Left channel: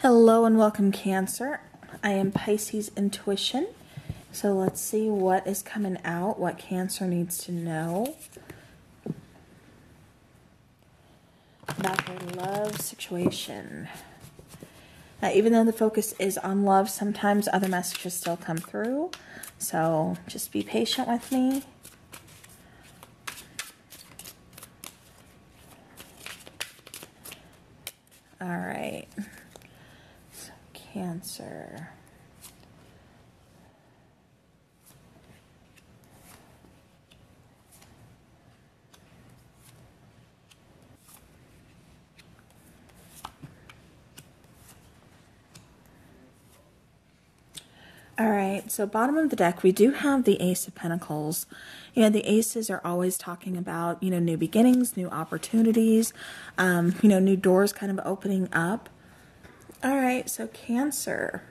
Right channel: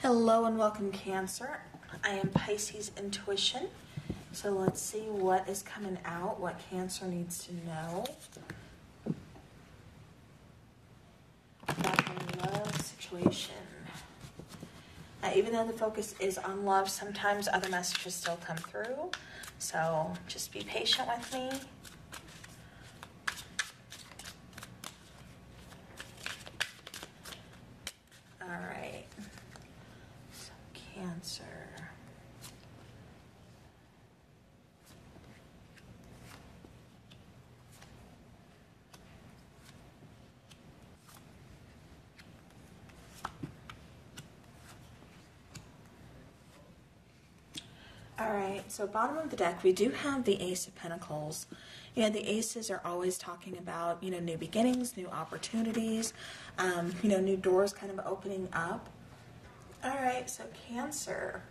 Hello and welcome, Cancer. I am Pisces Intuition. So let's see what is coming out, what Cancer needs to know about their love situation. Now, even though the focus is on love, sometimes other messages still come through. So just be patient with me. All right. So Cancer. All right, so bottom of the deck, we do have the Ace of Pentacles. You know, the Aces are always talking about, you know, new beginnings, new opportunities, you know, new doors kind of opening up. All right, so Cancer.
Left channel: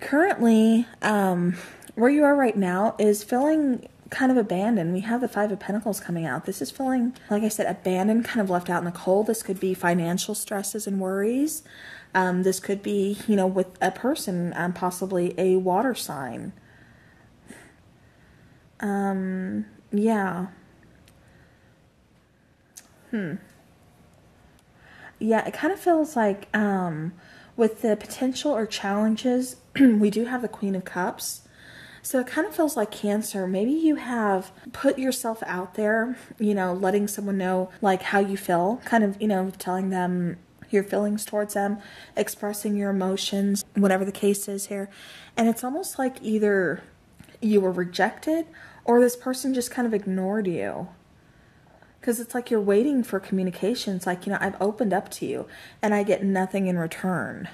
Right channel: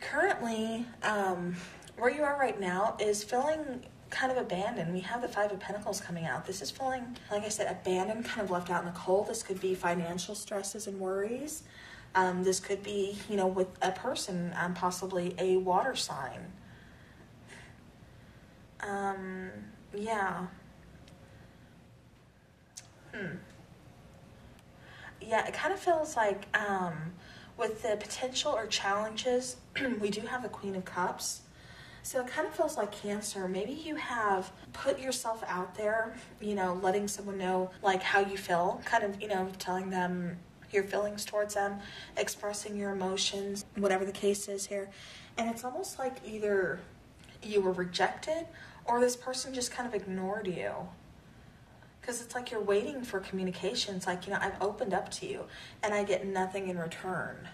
Currently, where you are right now is feeling kind of abandoned. We have the Five of Pentacles coming out. This is feeling, like I said, abandoned, kind of left out in the cold. This could be financial stresses and worries. This could be, you know, with a person, possibly a water sign. Yeah. Yeah, it kind of feels like, with the potential or challenges, we do have the Queen of Cups. So it kind of feels like Cancer, maybe you have put yourself out there, you know, letting someone know, like, how you feel, kind of, you know, telling them your feelings towards them, expressing your emotions, whatever the case is here. And it's almost like either you were rejected or this person just kind of ignored you. Because it's like you're waiting for communication. It's like, you know, I've opened up to you and I get nothing in return.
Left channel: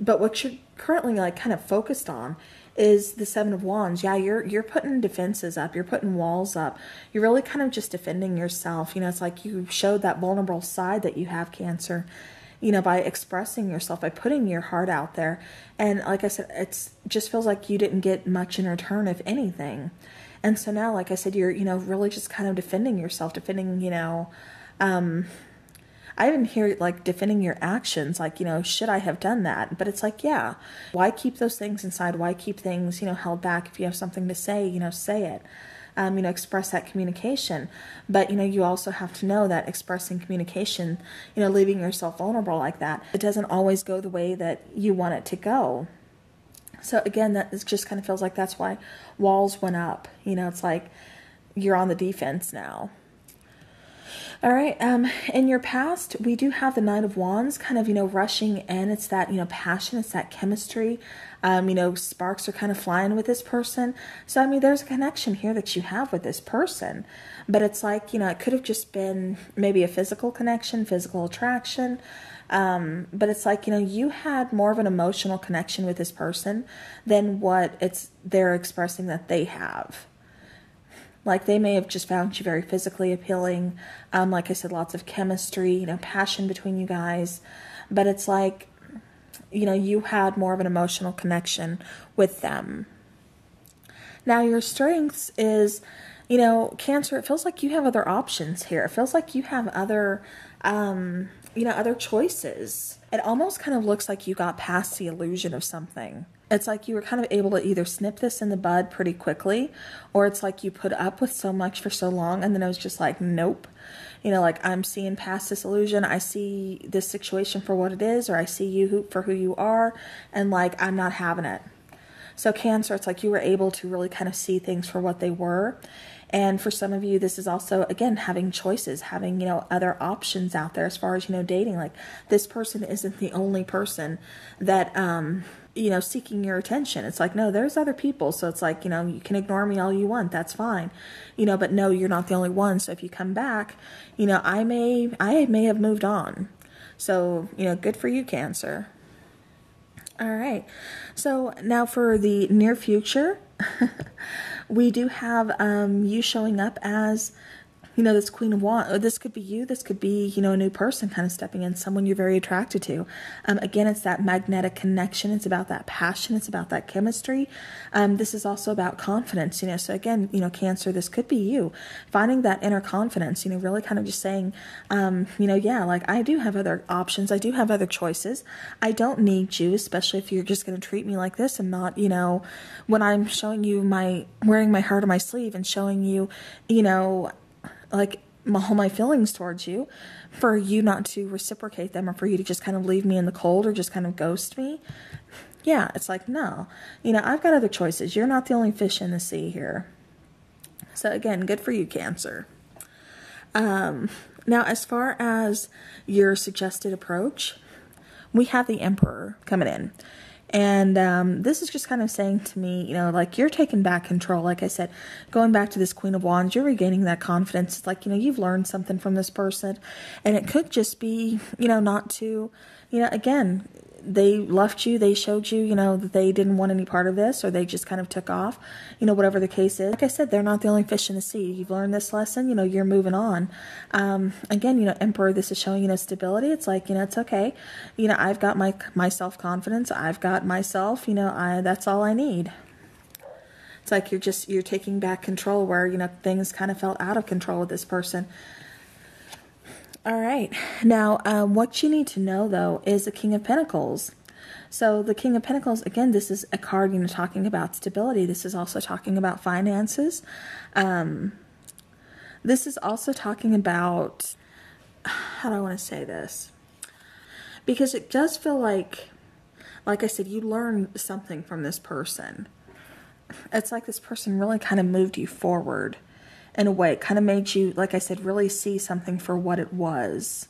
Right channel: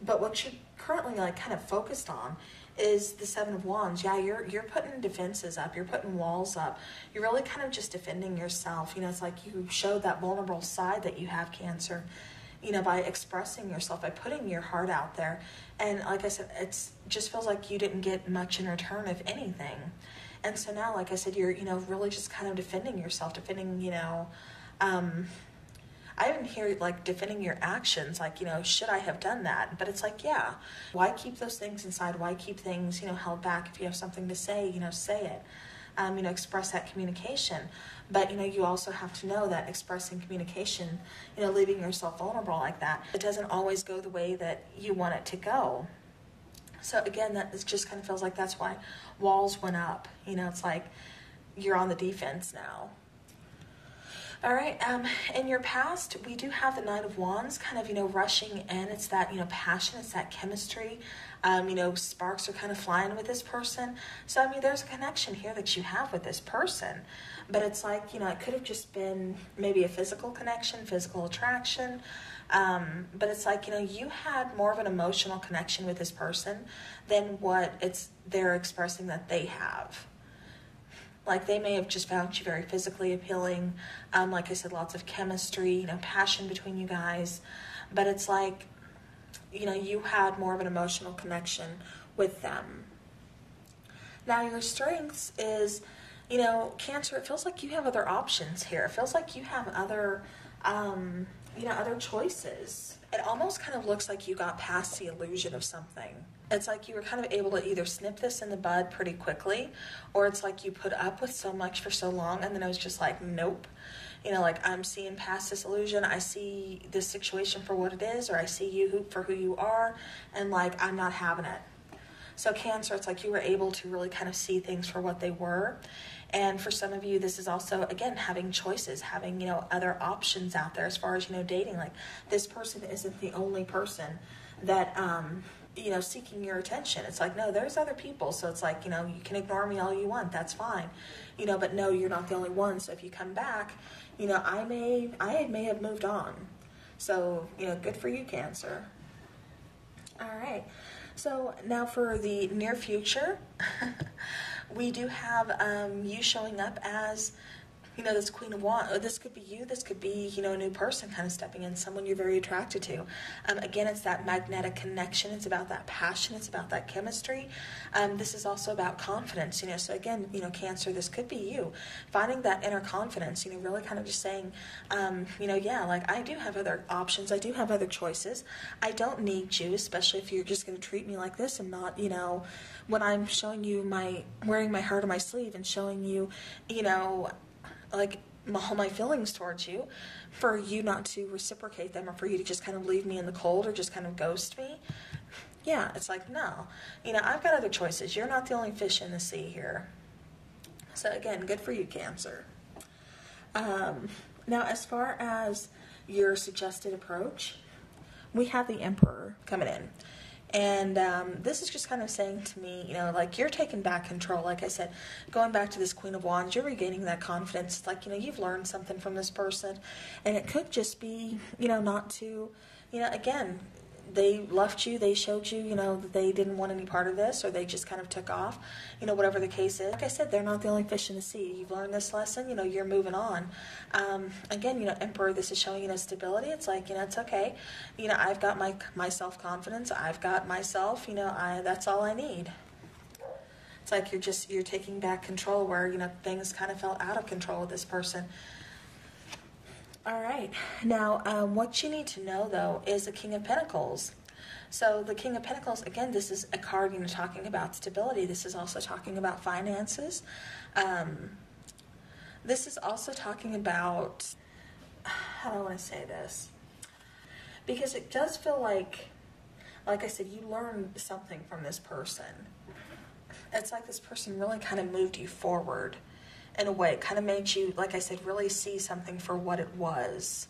But what you're currently like kind of focused on is the Seven of Wands. Yeah, you're putting defenses up. You're putting walls up. You're really kind of just defending yourself. You know, it's like you showed that vulnerable side that you have, Cancer, you know, by expressing yourself, by putting your heart out there. And like I said, it's just feels like you didn't get much in return, if anything. And so now, like I said, you're, you know, really just kind of defending yourself, defending, you know, I even hear like defending your actions, like, you know, should I have done that? But it's like, yeah, why keep those things inside? Why keep things, you know, held back? If you have something to say, you know, say it, you know, express that communication. But, you know, you also have to know that expressing communication, you know, leaving yourself vulnerable like that, it doesn't always go the way that you want it to go. So again, that is just kind of feels like that's why walls went up. You know, it's like you're on the defense now. All right, in your past, we do have the Knight of Wands kind of, you know, rushing in. It's that, you know, passion, it's that chemistry. You know, sparks are kind of flying with this person. So, I mean, there's a connection here that you have with this person. But it's like, you know, it could have just been maybe a physical connection, physical attraction. But it's like, you know, you had more of an emotional connection with this person than what they're expressing that they have. Like, they may have just found you very physically appealing. Like I said, lots of chemistry, you know, passion between you guys. But it's like, you know, you had more of an emotional connection with them. Now, your strengths is, you know, Cancer, it feels like you have other options here. It feels like you have other, you know, other choices. It almost kind of looks like you got past the illusion of something. It's like you were kind of able to either snip this in the bud pretty quickly, or it's like you put up with so much for so long, and then it was just like, nope. You know, like, I'm seeing past this illusion. I see this situation for what it is, or I see you for who you are, and like, I'm not having it. So Cancer, it's like you were able to really kind of see things for what they were. And for some of you, this is also, again, having choices, having, you know, other options out there as far as, you know, dating. Like, this person isn't the only person that, you know, seeking your attention. It's like, no, there's other people. So it's like, you know, you can ignore me all you want. That's fine. You know, but no, you're not the only one. So if you come back, you know, I may have moved on. So, you know, good for you, Cancer. All right. So now for the near future, we do have you showing up as this Queen of Wands, this could be you, this could be, a new person kind of stepping in, someone you're very attracted to. Again, it's that magnetic connection. It's about that passion. It's about that chemistry. This is also about confidence, so again, Cancer, this could be you finding that inner confidence, really kind of just saying, yeah, like I do have other options. I do have other choices. I don't need you, especially if you're just going to treat me like this and not, when I'm showing you wearing my heart on my sleeve and showing you, like all my feelings towards you, for you not to reciprocate them, or for you to just kind of leave me in the cold or just kind of ghost me. Yeah, it's like, no, I've got other choices. You're not the only fish in the sea here. So again, good for you, Cancer. Now, as far as your suggested approach, we have the Emperor coming in. And this is just kind of saying to me, like you're taking back control. Like I said, going back to this Queen of Wands, you're regaining that confidence. It's like, you've learned something from this person. And it could just be, not to, again, they left you, they showed you, that they didn't want any part of this, or they just kind of took off, whatever the case is. Like I said, they're not the only fish in the sea. You've learned this lesson, you're moving on. Again, Emperor, this is showing, stability. It's like, it's okay. I've got my self-confidence. I've got myself, that's all I need. It's like you're taking back control where, things kind of felt out of control with this person. All right. Now, what you need to know, though, is the King of Pentacles. So the King of Pentacles, again, this is a card, talking about stability. This is also talking about finances. This is also talking about, how do I want to say this? Because it does feel like I said, you learned something from this person. It's like this person really kind of moved you forward. In a way, it kind of made you, like I said, really see something for what it was.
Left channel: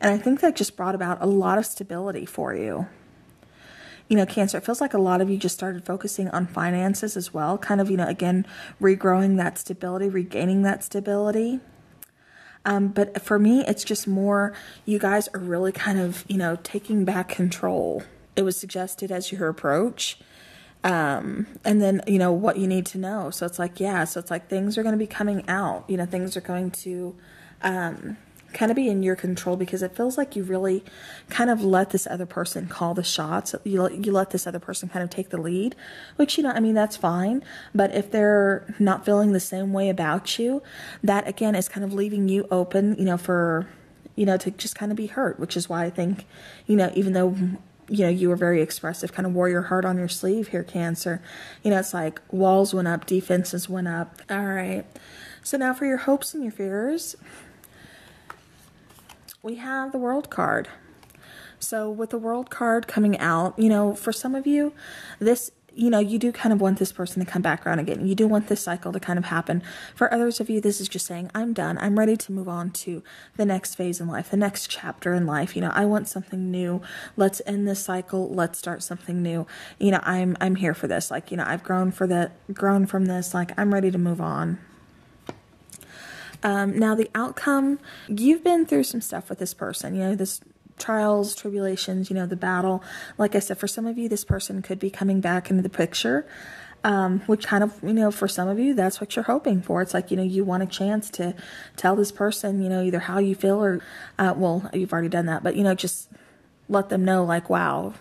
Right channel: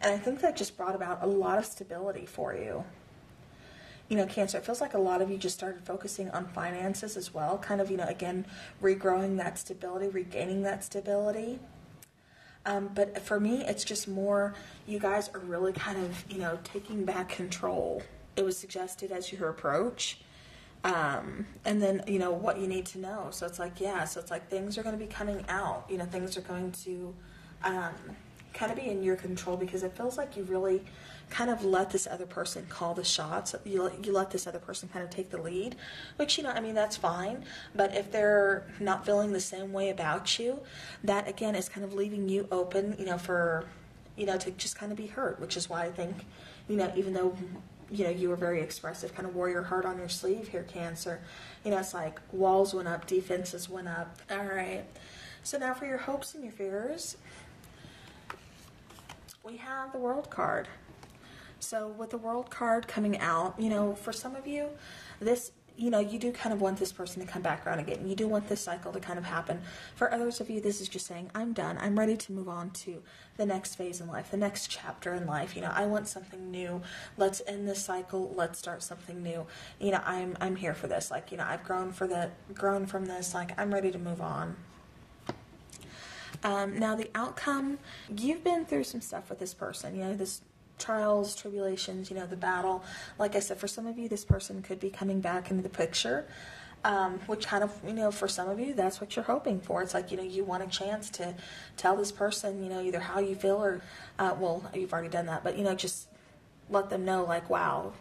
And I think that just brought about a lot of stability for you. Cancer, it feels like a lot of you just started focusing on finances as well. Kind of, again, regrowing that stability, regaining that stability. But for me, it's just more, you guys are really kind of, taking back control. It was suggested as your approach. And then, what you need to know. So it's like, yeah, so it's like things are going to be coming out, things are going to, kind of be in your control, because it feels like you really kind of let this other person call the shots. You let this other person kind of take the lead, which, that's fine. But if they're not feeling the same way about you, that again is kind of leaving you open, for, to just kind of be hurt, which is why I think, even though you were very expressive, kind of wore your heart on your sleeve here, Cancer. It's like walls went up, defenses went up. All right. So now for your hopes and your fears, we have the World card. So with the World card coming out, for some of you, this, you do kind of want this person to come back around again. You do want this cycle to kind of happen. For others of you, this is just saying, I'm done. I'm ready to move on to the next phase in life, the next chapter in life. I want something new. Let's end this cycle. Let's start something new. I'm here for this. Like, I've grown from this. Like, I'm ready to move on. Now the outcome, you've been through some stuff with this person, this trials, tribulations, the battle. Like I said, for some of you, this person could be coming back into the picture, which kind of, for some of you, that's what you're hoping for. It's like, you want a chance to tell this person, either how you feel or, well, you've already done that, but, just let them know, like, wow,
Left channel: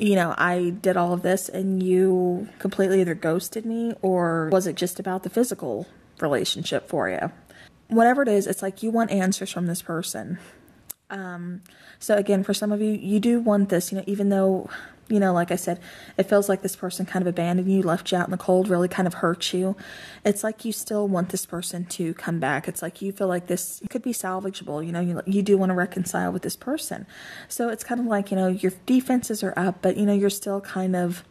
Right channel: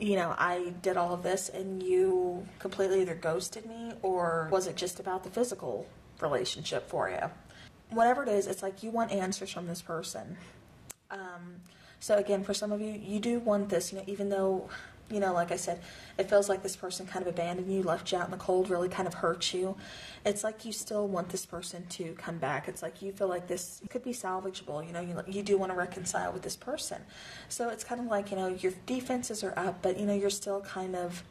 I did all of this and you completely either ghosted me, or was it just about the physical relationship for you? Whatever it is, it's like you want answers from this person. So again, for some of you, you do want this, even though, like I said, it feels like this person kind of abandoned you, left you out in the cold, really kind of hurt you. It's like you still want this person to come back. It's like you feel like this could be salvageable. You do want to reconcile with this person. So it's kind of like, your defenses are up, but, you're still kind of,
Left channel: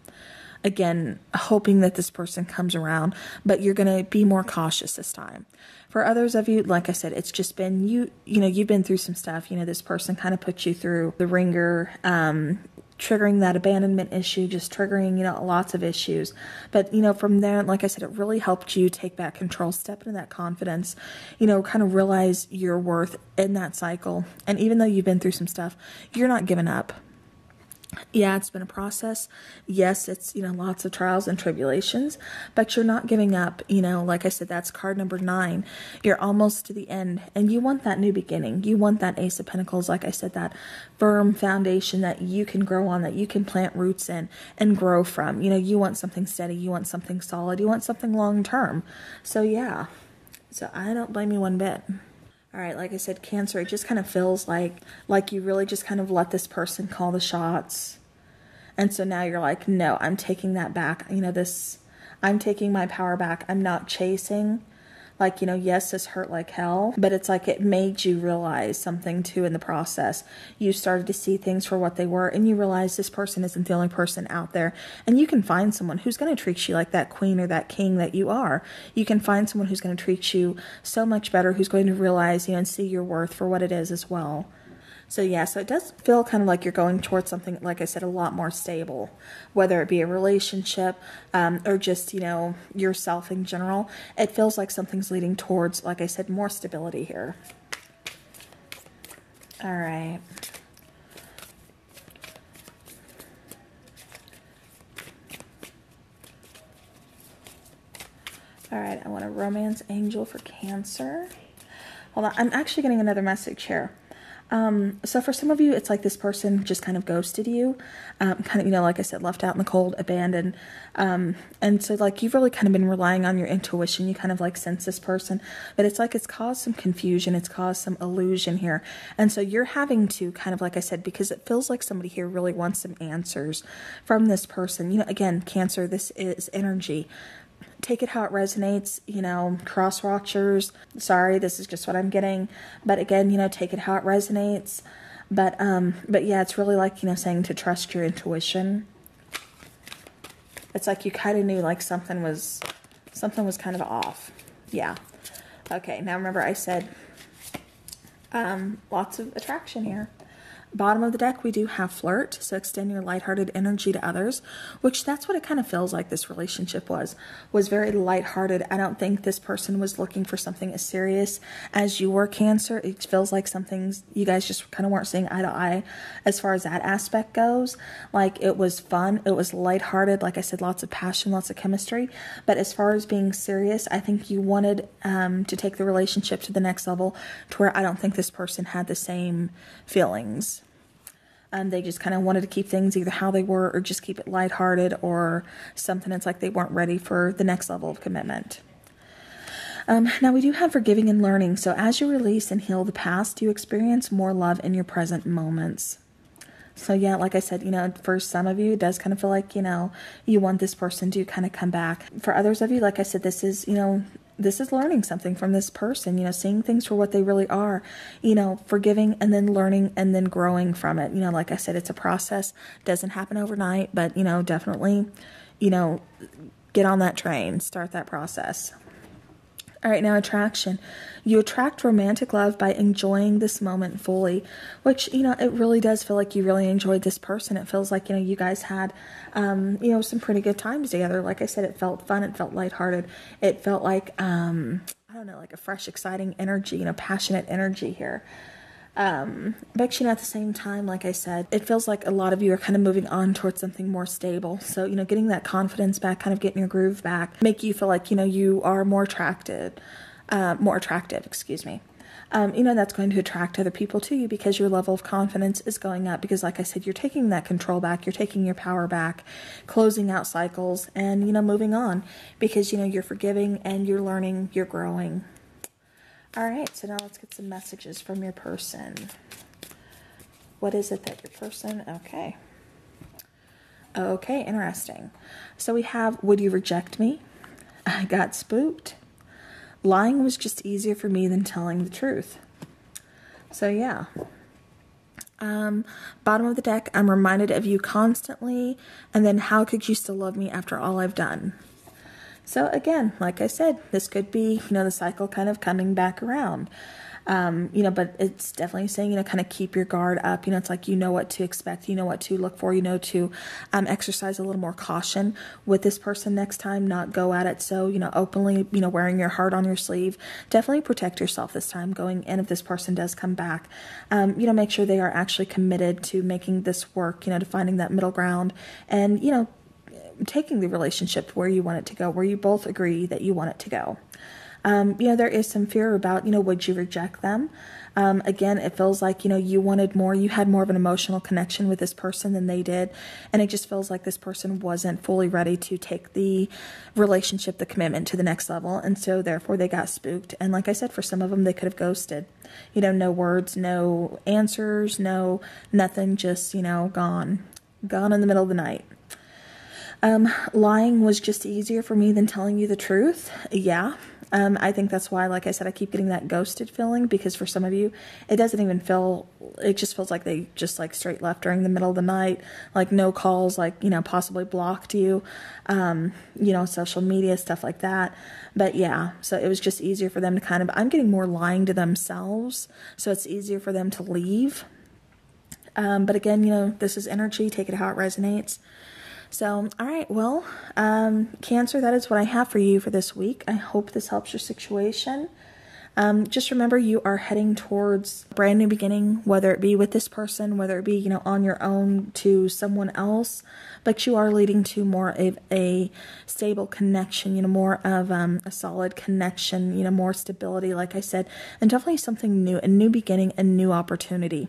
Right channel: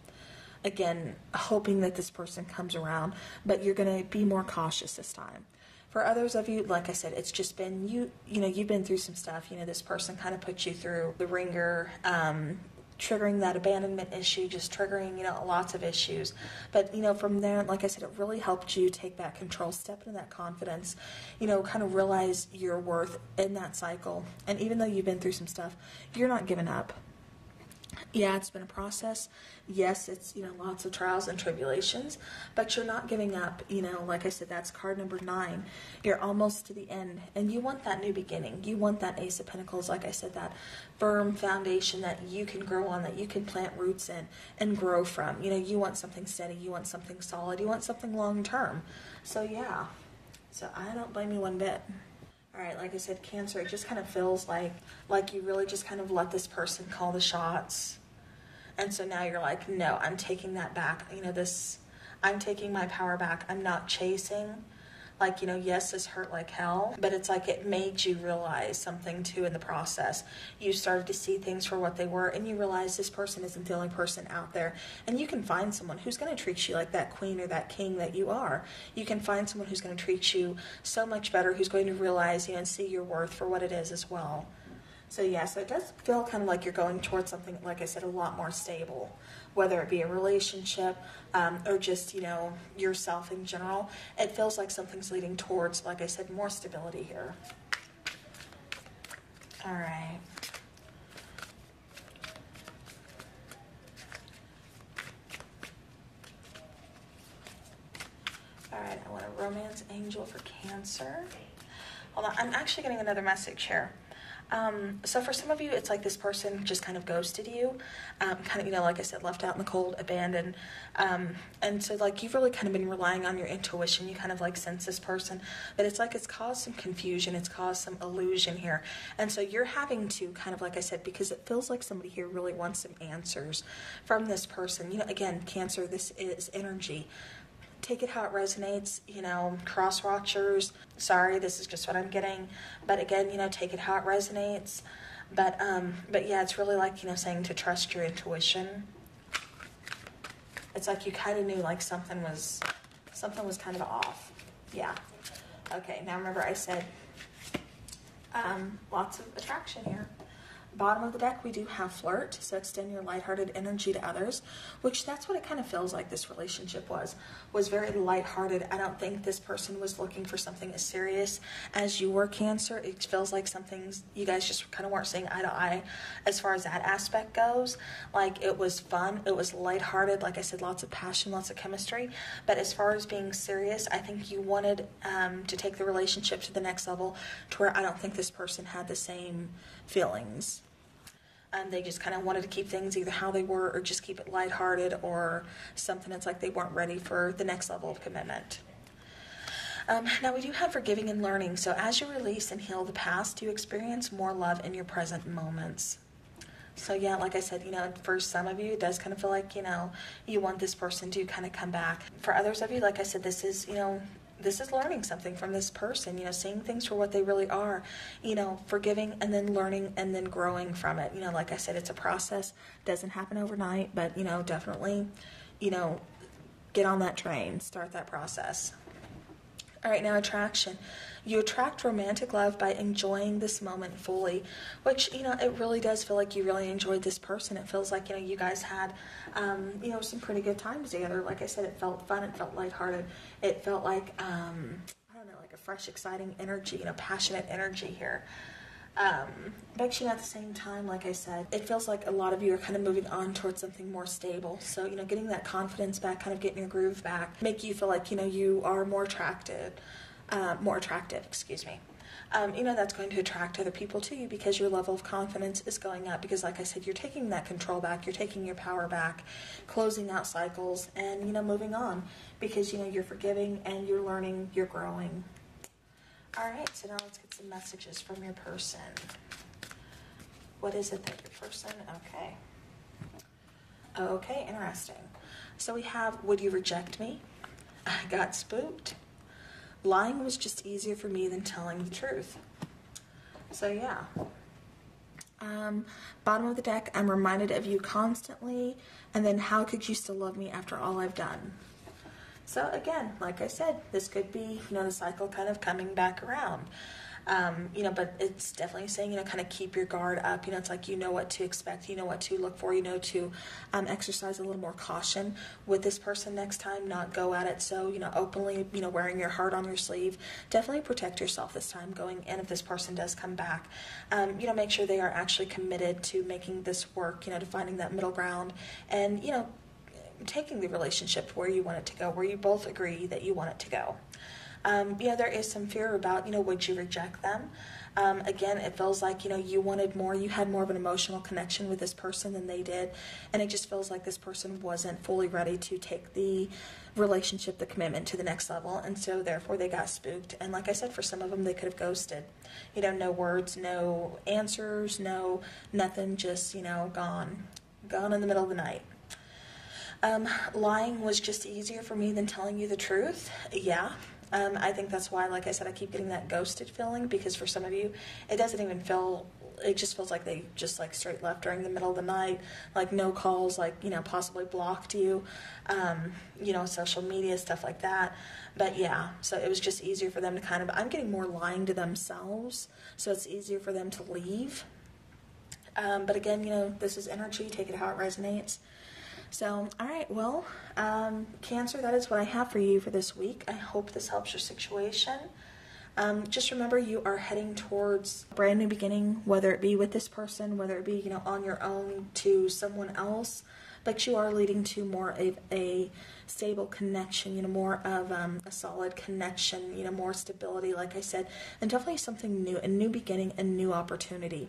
again, hoping that this person comes around, but you're going to be more cautious this time. For others of you, like I said, it's just been, you've been through some stuff. This person kind of put you through the ringer, triggering that abandonment issue, just triggering, lots of issues. But, from there, like I said, it really helped you take back control, step into that confidence, kind of realize your worth in that cycle. And even though you've been through some stuff, you're not giving up. Yeah, it's been a process. Yes, it's, lots of trials and tribulations, but you're not giving up. Like I said, that's card number 9. You're almost to the end, and you want that new beginning. You want that Ace of Pentacles, like I said, that firm foundation that you can grow on, that you can plant roots in and grow from. You want something steady. You want something solid. You want something long term. So yeah, so I don't blame you one bit. All right, like I said, Cancer, it just kind of feels like you really just kind of let this person call the shots. And so now you're like, no, I'm taking that back. I'm taking my power back. I'm not chasing. Like, yes, this hurt like hell, but it's like it made you realize something too in the process. You started to see things for what they were, and you realize this person isn't the only person out there. And you can find someone who's going to treat you like that queen or that king that you are. You can find someone who's going to treat you so much better, who's going to realize, and see your worth for what it is as well. So yeah, so it does feel kind of like you're going towards something, like I said, a lot more stable, whether it be a relationship or just, yourself in general. It feels like something's leading towards, like I said, more stability here. All right. All right, I want a romance angel for Cancer. Hold on, I'm actually getting another message here. So for some of you, it's like this person just kind of ghosted you, kind of, like I said, left out in the cold, abandoned. And so like you've really kind of been relying on your intuition. You kind of like sense this person, but it's like it's caused some confusion. It's caused some illusion here. And so you're having to kind of, like I said, because it feels like somebody here really wants some answers from this person. Again, Cancer, this is energy. Take it how it resonates, cross watchers. Sorry, this is just what I'm getting. But again, take it how it resonates. But yeah, it's really like, saying to trust your intuition. It's like you kind of knew like something was kind of off. Yeah. Okay, now remember I said lots of attraction here. Bottom of the deck, we do have flirt, so extend your lighthearted energy to others, which that's what it kind of feels like this relationship was very lighthearted. I don't think this person was looking for something as serious as you were, Cancer. It feels like you guys just kind of weren't seeing eye to eye as far as that aspect goes. Like, it was fun, it was lighthearted, like I said, lots of passion, lots of chemistry, but as far as being serious, I think you wanted to take the relationship to the next level, to where I don't think this person had the same feelings. They just kind of wanted to keep things either how they were, or just keep it lighthearted, or something. It's like they weren't ready for the next level of commitment. Now we do have forgiving and learning. So as you release and heal the past, you experience more love in your present moments. So yeah, like I said, for some of you, it does kind of feel like, you want this person to kind of come back. For others of you, like I said, this is learning something from this person, seeing things for what they really are, forgiving and then learning and then growing from it. Like I said, it's a process, doesn't happen overnight, but, definitely, get on that train, start that process. All right, now attraction. You attract romantic love by enjoying this moment fully, which, it really does feel like you really enjoyed this person. It feels like, you guys had, some pretty good times together. Like I said, it felt fun. It felt lighthearted. It felt like, I don't know, like a fresh, exciting energy, passionate energy here. But, at the same time, like I said, it feels like a lot of you are kind of moving on towards something more stable. So, getting that confidence back, kind of getting your groove back, make you feel like, you are more attractive, excuse me. That's going to attract other people to you because your level of confidence is going up. Because like I said, you're taking that control back, you're taking your power back, closing out cycles, and, moving on because, you're forgiving and you're learning, you're growing. All right, so now let's get some messages from your person. What is it that your person, okay. Okay, interesting. So we have, would you reject me? I got spooked. Lying was just easier for me than telling the truth. So yeah. Bottom of the deck, I'm reminded of you constantly. And then how could you still love me after all I've done? So again, like I said, this could be, the cycle kind of coming back around. But it's definitely saying, kind of keep your guard up. It's like, what to expect, what to look for, to exercise a little more caution with this person next time, not go at it so, openly, wearing your heart on your sleeve. Definitely protect yourself this time going in if this person does come back. Make sure they are actually committed to making this work, to finding that middle ground and, taking the relationship where you want it to go, where you both agree that you want it to go. There is some fear about, would you reject them? Again, it feels like, you wanted more, you had more of an emotional connection with this person than they did. And it just feels like this person wasn't fully ready to take the relationship, the commitment to the next level. And so therefore they got spooked. And like I said, for some of them, they could have ghosted, no words, no answers, no, nothing, just, gone in the middle of the night. Lying was just easier for me than telling you the truth. Yeah. I think that's why, like I said, I keep getting that ghosted feeling, because for some of you, it doesn't even feel, it just feels like they just like straight left during the middle of the night, like no calls, like, possibly blocked you, social media, stuff like that. But yeah, so it was just easier for them to kind of, I'm getting more lying to themselves, so it's easier for them to leave. But again, this is energy, take it how it resonates. So, all right, well, Cancer, that is what I have for you for this week. I hope this helps your situation. Just remember, you are heading towards a brand new beginning, whether it be with this person, whether it be, on your own to someone else, but you are leading to more of a stable connection, more of a solid connection, more stability, like I said, and definitely something new, a new beginning, a new opportunity.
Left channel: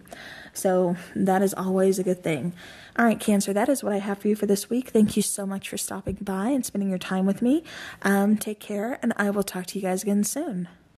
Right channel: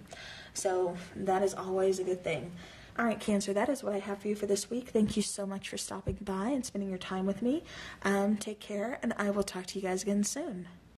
So that is always a good thing. All right, Cancer, that is what I have for you for this week. Thank you so much for stopping by and spending your time with me. Take care, and I will talk to you guys again soon.